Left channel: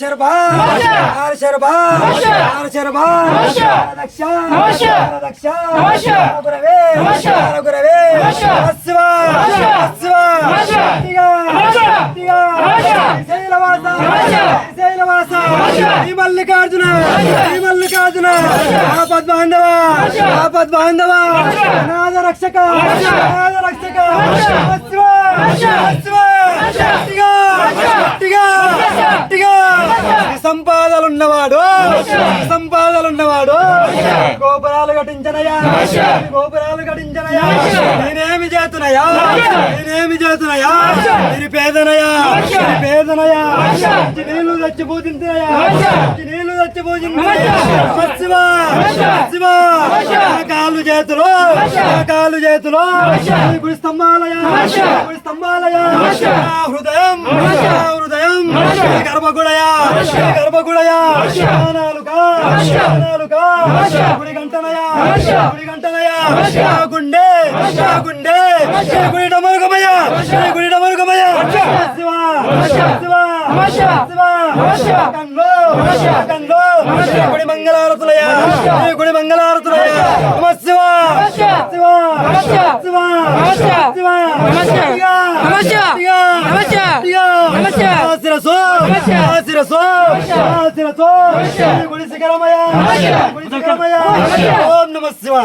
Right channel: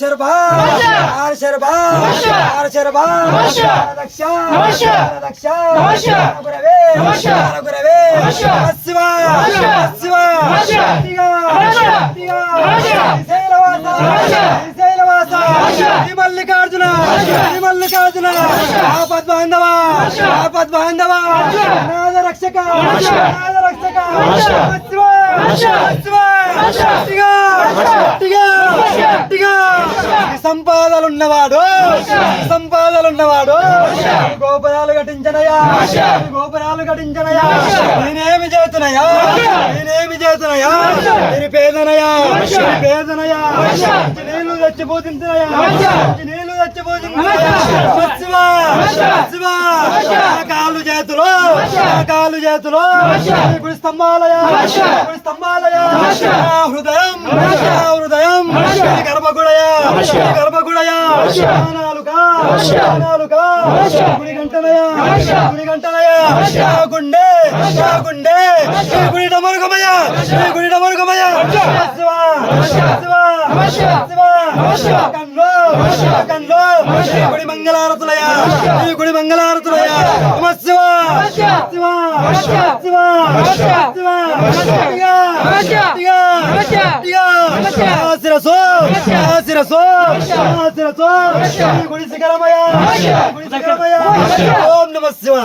శర్భా శర్భా శర్భా దక్ష దక్ష గురవే గురవే శివ శివ శైలవాస మల్లికార్జున మల్లికార్జున ఆపద్ బాంధవ ఆపద్ బాంధవ నాద రక్షక నాద రక్షక సంపాదలున్నవాడు సంపాదలున్నవాడు గోపురాలు కట్టించనయా గోపురాలు కట్టించనయా నేనేమి చేతునయా నేనేమి చేతునయా నిరుపేదనయా నిరుపేదనయా నీళ్లు తెచ్చి పూజించినయా నీళ్లు తెచ్చి పూజించినయా శివ శివ కాలు చేతులు కాలు చేతులు గుడి స్తంభాలయా గుడి స్తంభాలయా హృదయం హృదయం గర్భగుడయా గర్భగుడయా నాలుగా నాలుగా గుడి గంటనయా గుడి గంటనయా గుండె గుండె గుడి డమరుగమయ్యా గుడి డమరుగమయ్యా శివ శివ శివ కన్లో కన్లో గుడి మంగళారతులయ్యా గుడి మంగళారతులయ్యా నమ శివ శివ శివ శివ శిరసో శిరసో శిరసో గుడి శిఖరమయ్యా గుడి శిఖరమయ్యా ఓం నమ శివ